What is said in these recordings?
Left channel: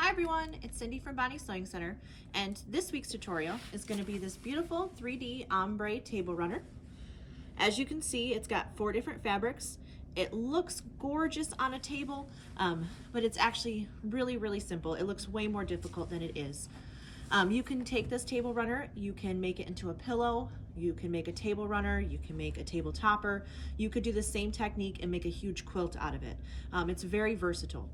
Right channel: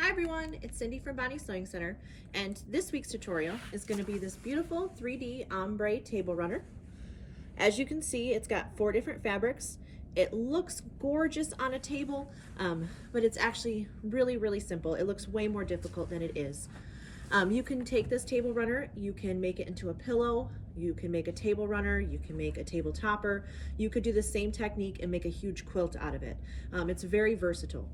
Hi everyone, it's Cindy from Bonnie Sewing Center, and this week's tutorial is going to be this beautiful 3D ombre table runner. As you can see, it's got 4 different fabrics. It looks gorgeous on a table, but it's actually really simple. It looks way more difficult than it is. You can take this table runner, you can make it into a pillow, you can make a table runner, you can make a table topper. You could do the same technique and make a huge quilt out of it. It's very versatile.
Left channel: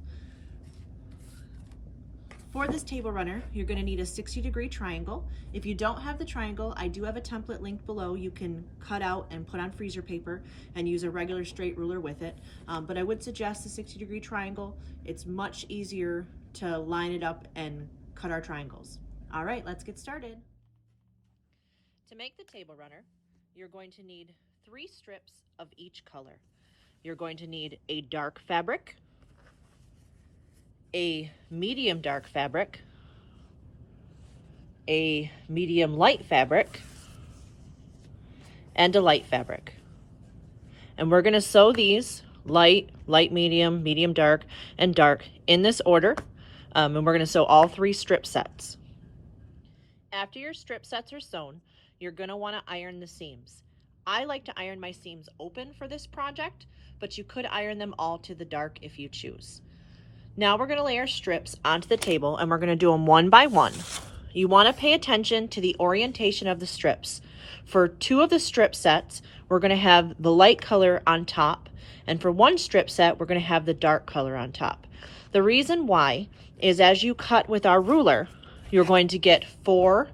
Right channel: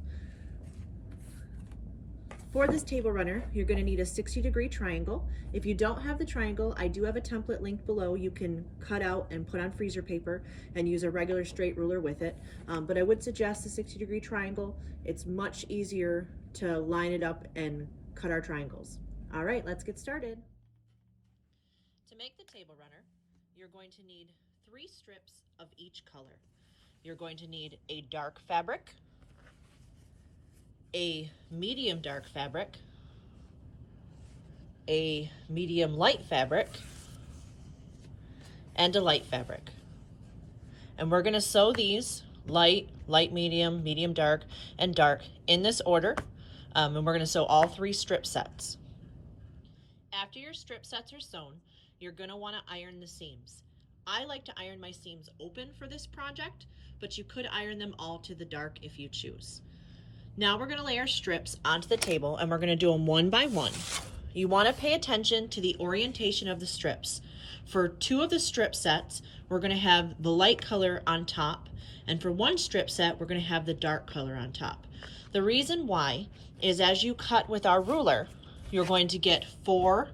For this table runner, you're going to need a 60-degree triangle. If you don't have the triangle, I do have a template linked below. You can cut out and put on freezer paper and use a regular straight ruler with it. But I would suggest a 60-degree triangle. It's much easier to line it up and cut our triangles. All right, let's get started. To make the table runner, you're going to need 3 strips of each color. You're going to need a dark fabric, a medium dark fabric, a medium light fabric, and a light fabric. And we're going to sew these light, light medium, medium dark, and dark in this order. And we're going to sew all 3 strip sets. After your strip sets are sewn, you're going to want to iron the seams. I like to iron my seams open for this project, but you could iron them all to the dark if you choose. Now we're going to lay our strips onto the table and we're going to do them one by one. You want to pay attention to the orientation of the strips. For 2 of the strip sets, we're going to have the light color on top, and for 1 strip set, we're going to have the dark color on top. The reason why is as you cut with our ruler, you're going to get 4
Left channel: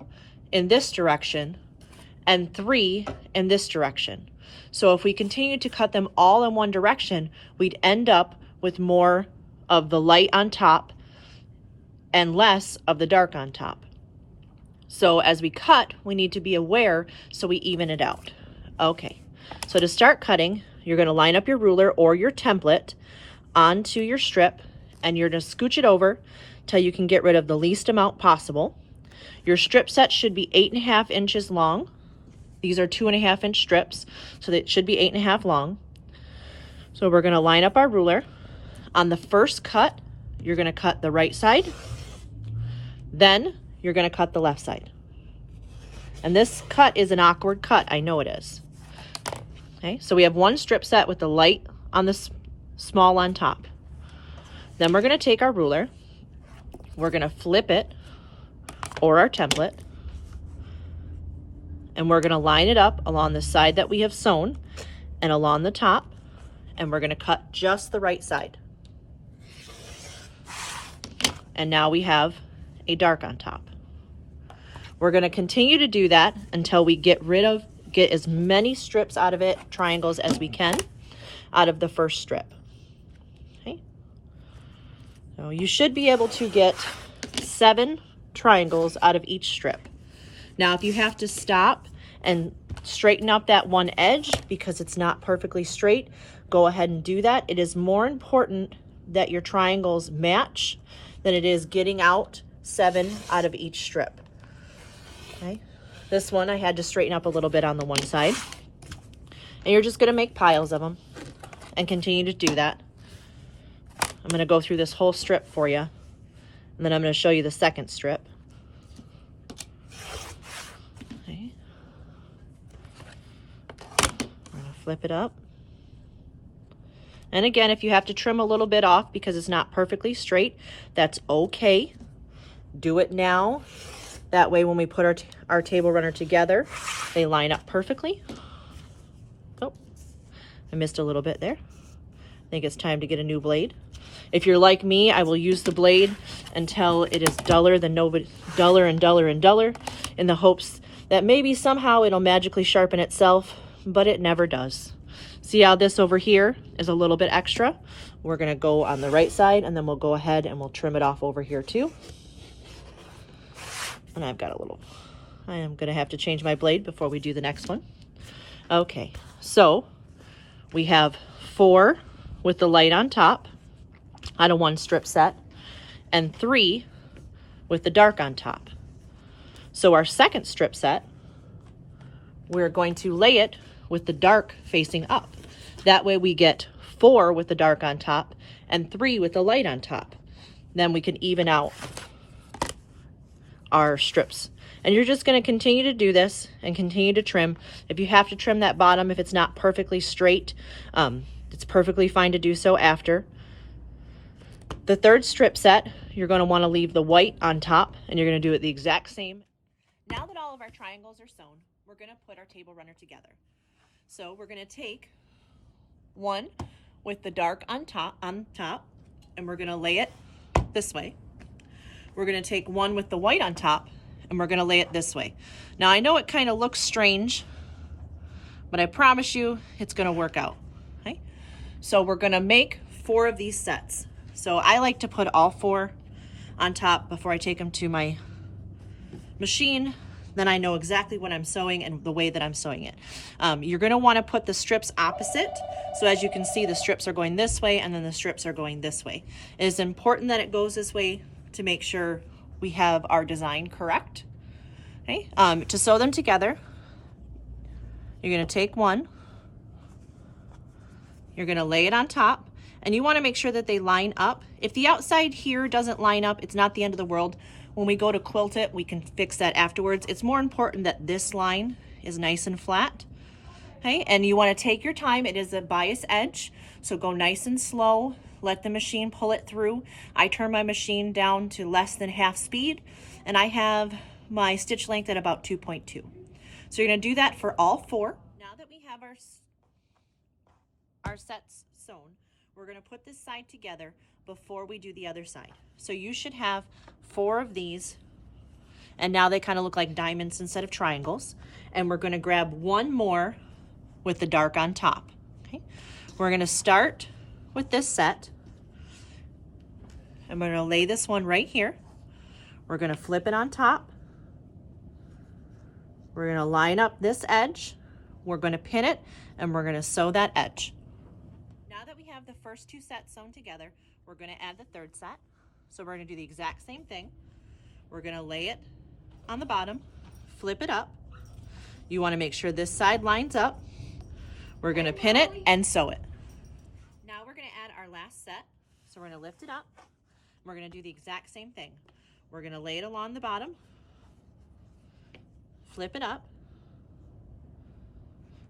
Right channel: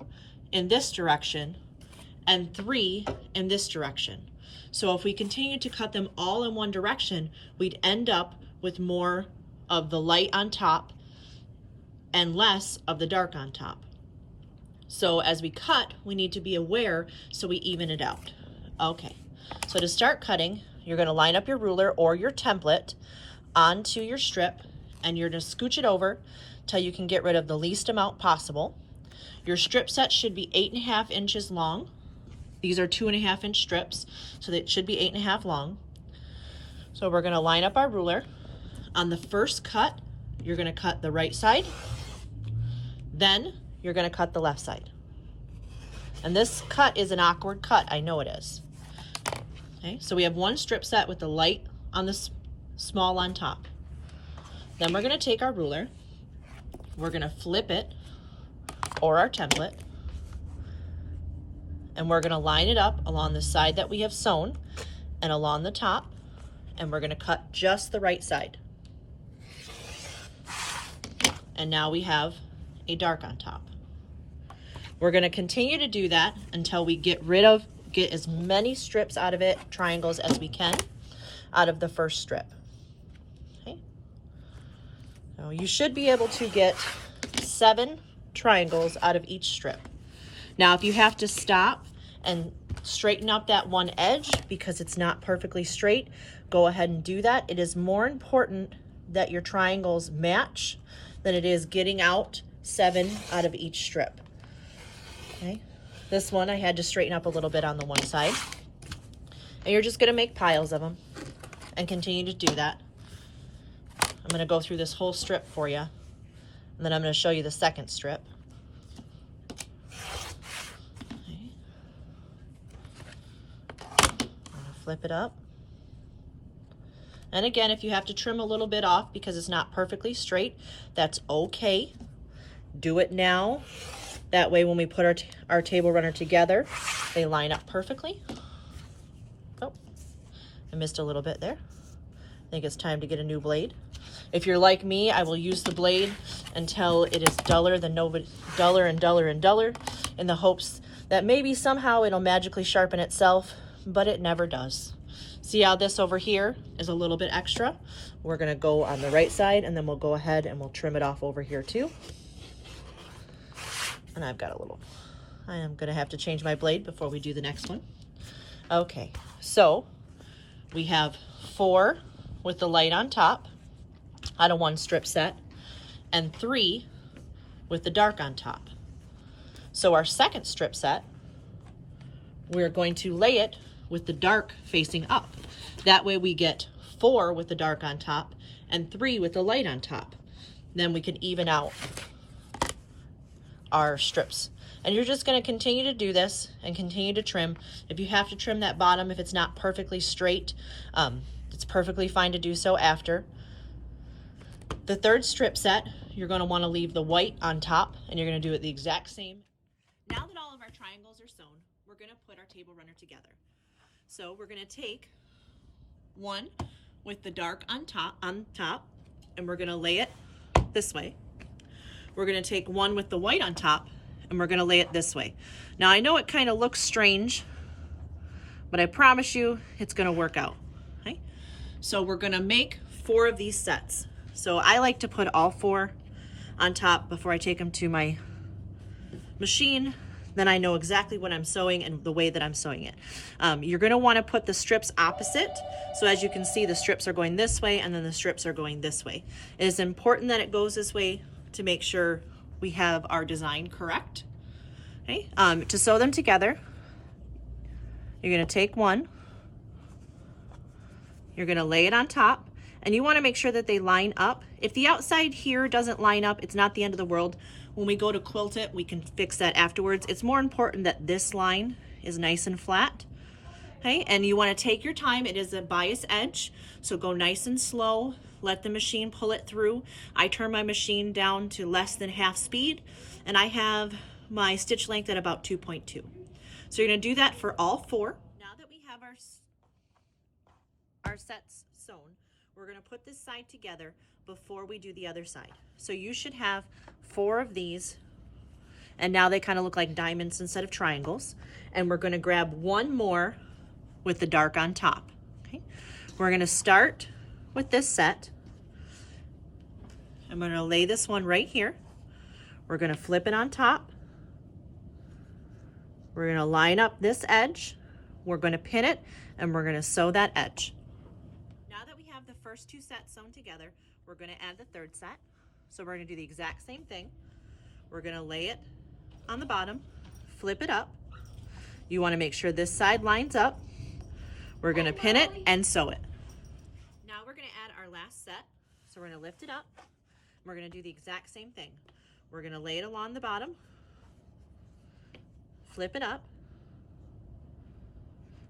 in this direction and 3 in this direction. So if we continue to cut them all in one direction, we'd end up with more of the light on top and less of the dark on top. So as we cut, we need to be aware so we even it out. Okay, so to start cutting, you're going to line up your ruler or your template onto your strip, and you're going to scooch it over till you can get rid of the least amount possible. Your strip set should be 8.5 inches long. These are 2.5 inch strips, so that should be 8.5 long. So we're going to line up our ruler. On the first cut, you're going to cut the right side, then you're going to cut the left side. And this cut is an awkward cut, I know it is. Okay, so we have 1 strip set with the light on the small on top. Then we're going to take our ruler, we're going to flip it, or our template, and we're going to line it up along the side that we have sewn and along the top, and we're going to cut just the right side. And now we have a dark on top. We're going to continue to do that until we get as many strips out of it, triangles, as we can out of the first strip. Okay. So you should be able to get 7 triangles out of each strip. Now if you have to stop and straighten up that one edge because it's not perfectly straight, go ahead and do that. It is more important that your triangles match than it is getting out 7 out of each strip. Okay, this one I had to straighten up a little bit on the one side. And you're just going to make piles of them and continue to do that. I'm going to go through this whole strip for you, and then I'm going to show you the second strip. Okay. Flip it up. And again, if you have to trim a little bit off because it's not perfectly straight, that's okay. Do it now. That way when we put our table runner together, they line up perfectly. Oh, I missed a little bit there. I think it's time to get a new blade. If you're like me, I will use the blade until it is duller than duller and duller and duller, in the hopes that maybe somehow it'll magically sharpen itself, but it never does. See how this over here is a little bit extra? We're going to go on the right side, and then we'll go ahead and we'll trim it off over here too. And I've got a little, I am going to have to change my blade before we do the next one. Okay, so we have 4 with the light on top on a 1 strip set, and 3 with the dark on top. So our second strip set, we're going to lay it with the dark facing up. That way we get 4 with the dark on top and 3 with the light on top. then we can even out our strips. And you're just going to continue to do this and continue to trim. If you have to trim that bottom, if it's not perfectly straight, it's perfectly fine to do so after. The third strip set, you're going to want to leave the white on top, and you're going to do it the exact same. Now that all of our triangles are sewn, we're going to put our table runner together. So we're going to take one with the dark on top, and we're going to lay it this way. We're going to take one with the white on top, and we're going to lay it this way. Now I know it kind of looks strange, but I promise you it's going to work out. Okay? So we're going to make 4 of these sets. So I like to put all 4 on top before I take them to my machine. Then I know exactly what I'm sewing and the way that I'm sewing it. You're going to want to put the strips opposite. So as you can see, the strips are going this way and then the strips are going this way. It is important that it goes this way to make sure we have our design correct. Okay. To sew them together, you're going to take one, you're going to lay it on top, and you want to make sure that they line up. If the outside here doesn't line up, it's not the end of the world. When we go to quilt it, we can fix that afterwards. It's more important that this line is nice and flat. Okay, and you want to take your time. It is a bias edge, so go nice and slow. Let the machine pull it through. I turn my machine down to less than half speed, and I have my stitch length at about 2.2. So you're going to do that for all 4. Now that we have our sets sewn, we're going to put this side together before we do the other side. So you should have 4 of these, and now they kind of look like diamonds instead of triangles. And we're going to grab one more with the dark on top. Okay, we're going to start with this set. I'm going to lay this one right here. We're going to flip it on top. We're going to line up this edge. We're going to pin it, and we're going to sew that edge. Now that we have the first 2 sets sewn together, we're going to add the third set. So we're going to do the exact same thing. We're going to lay it on the bottom, flip it up. You want to make sure this side lines up. We're going to pin it and sew it. Now we're going to add our last set. So we're going to lift it up. We're going to do the exact same thing. We're going to lay it along the bottom, flip it up,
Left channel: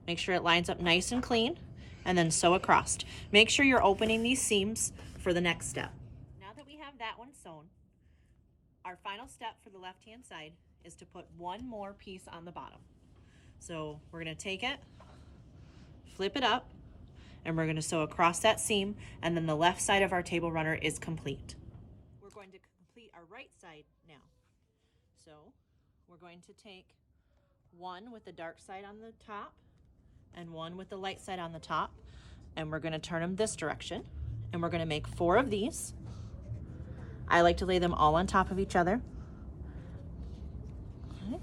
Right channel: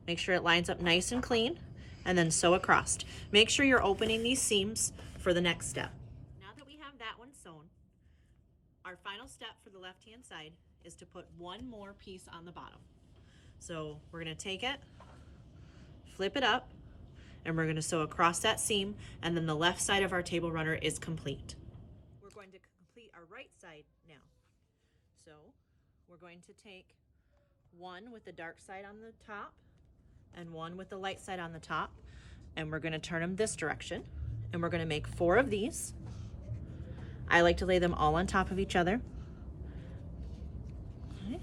make sure it lines up nice and clean, and then sew across. Make sure you're opening these seams for the next step. Now that we have that one sewn, our final step for the left-hand side is to put one more piece on the bottom. So we're going to take it, flip it up, and we're going to sew across that seam, and then the left side of our table runner is complete. We're going to complete our right side now. So we're going to take one with the dark side on the top and one with the light side on the top, and we're going to turn them this direction, and we're going to make 4 of these. I like to lay them all on top of each other. Okay.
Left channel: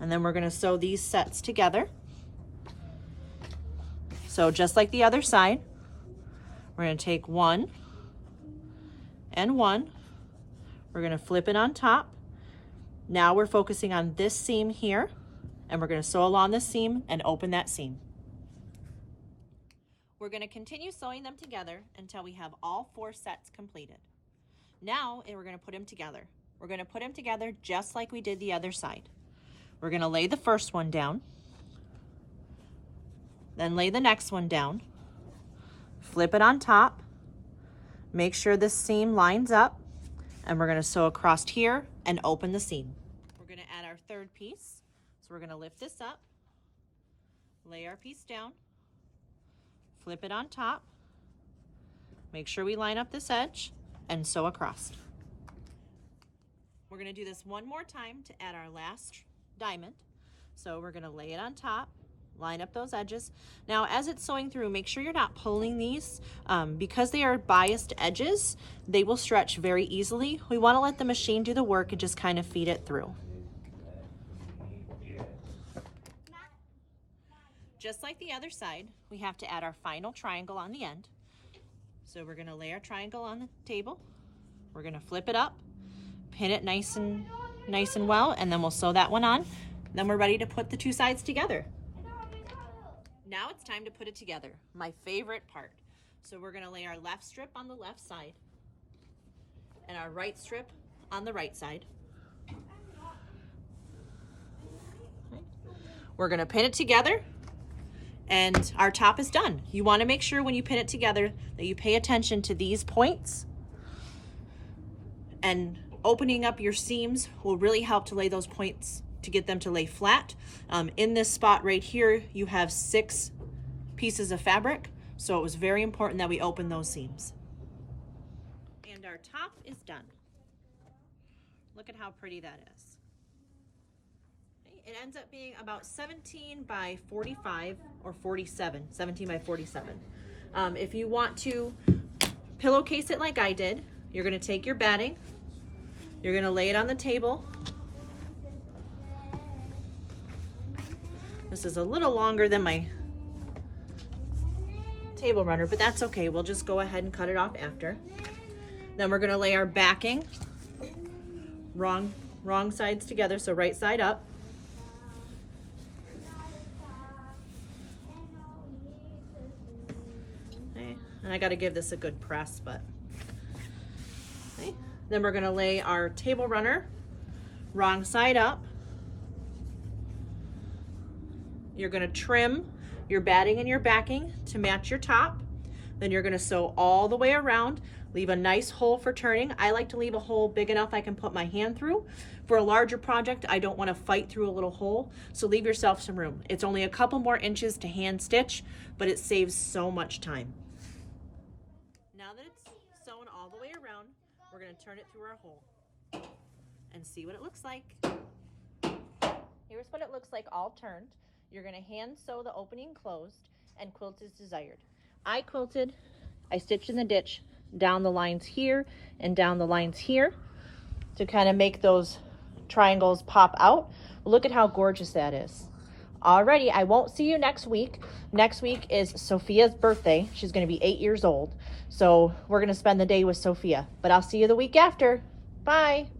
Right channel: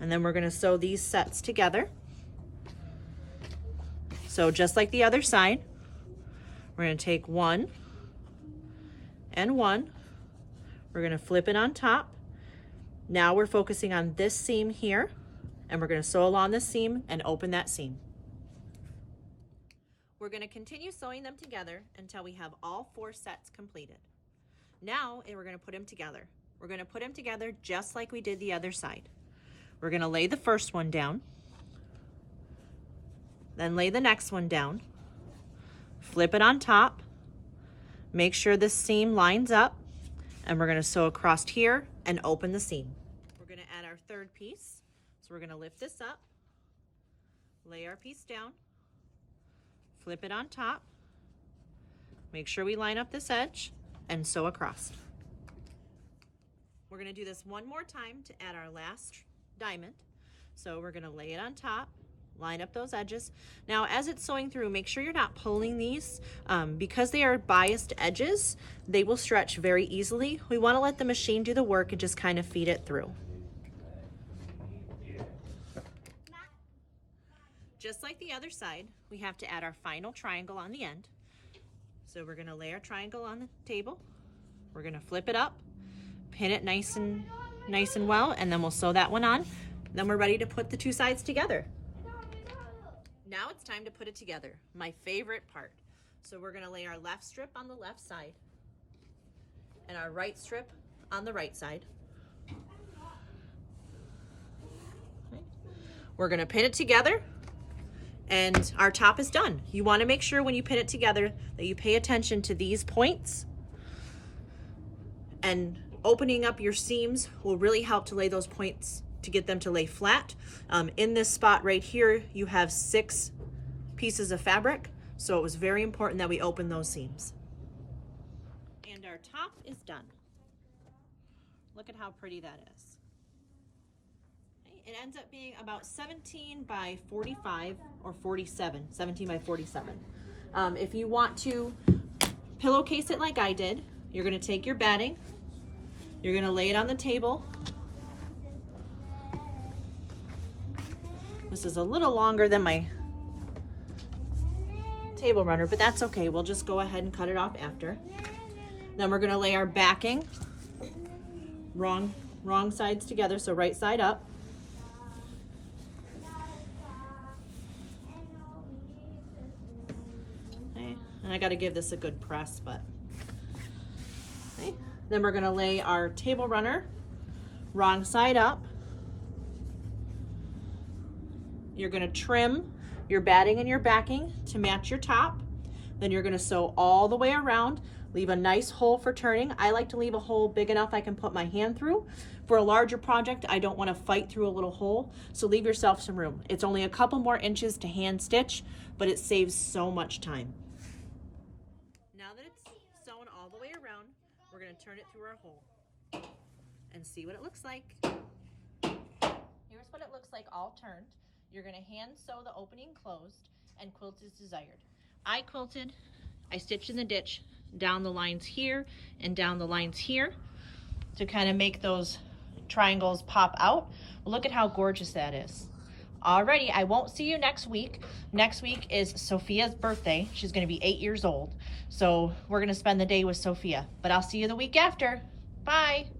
And then we're going to sew these sets together. So just like the other side, we're going to take one and one. We're going to flip it on top. Now we're focusing on this seam here, and we're going to sew along this seam and open that seam. We're going to continue sewing them together until we have all 4 sets completed. Now we're going to put them together. We're going to put them together just like we did the other side. We're going to lay the first one down, then lay the next one down, flip it on top, make sure this seam lines up, and we're going to sew across here and open the seam. We're going to add our third piece. So we're going to lift this up, lay our piece down, flip it on top, make sure we line up this edge, and sew across. We're going to do this one more time to add our last diamond. So we're going to lay it on top, line up those edges. Now as it's sewing through, make sure you're not pulling these. Because they are biased edges, they will stretch very easily. We want to let the machine do the work and just kind of feed it through. Just like the other side, we have to add our final triangle on the end. So we're going to lay our triangle on the table. We're going to flip it up, pin it nice and well, and then we'll sew that one on. Then we're ready to put the 2 sides together. Now it's time to put it together, my favorite part. So we're gonna lay our left strip on the left side and our right strip on the right side. Okay. We're gonna pin it together and our top is done. You wanna make sure when you pin it together that you pay attention to these points, and opening up your seams will really help to lay those points to get them to lay flat. In this spot right here, you have 6 pieces of fabric, so it was very important that we open those seams. And our top is done. Look at how pretty that is. It ends up being about 17 by 45 or 47, 17 by 47. If you want to pillowcase it like I did, you're gonna take your batting, you're gonna lay it on the table. This is a little longer than my table runner, but that's okay. We'll just go ahead and cut it off after. Then we're gonna lay our backing, wrong sides together, so right side up. Okay. And I gotta give this a good press, but okay. Then we're gonna lay our table runner, wrong side up. You're gonna trim your batting and your backing to match your top. Then you're gonna sew all the way around, leave a nice hole for turning. I like to leave a hole big enough I can put my hand through. For a larger project, I don't wanna fight through a little hole, so leave yourself some room. It's only a couple more inches to hand stitch, but it saves so much time. Now that it's sewn all the way around, we're gonna turn it through our hole and see what it looks like. Here's what it looks like all turned. You're gonna hand sew the opening closed and quilt as desired. I quilted, I stitched in the ditch down the lines here and down the lines here to kind of make those triangles pop out. Look at how gorgeous that is. Alrighty, I won't see you next week. Next week is Sophia's birthday. She's gonna be 8 years old. So we're gonna spend the day with Sophia, but I'll see you the week after. Bye.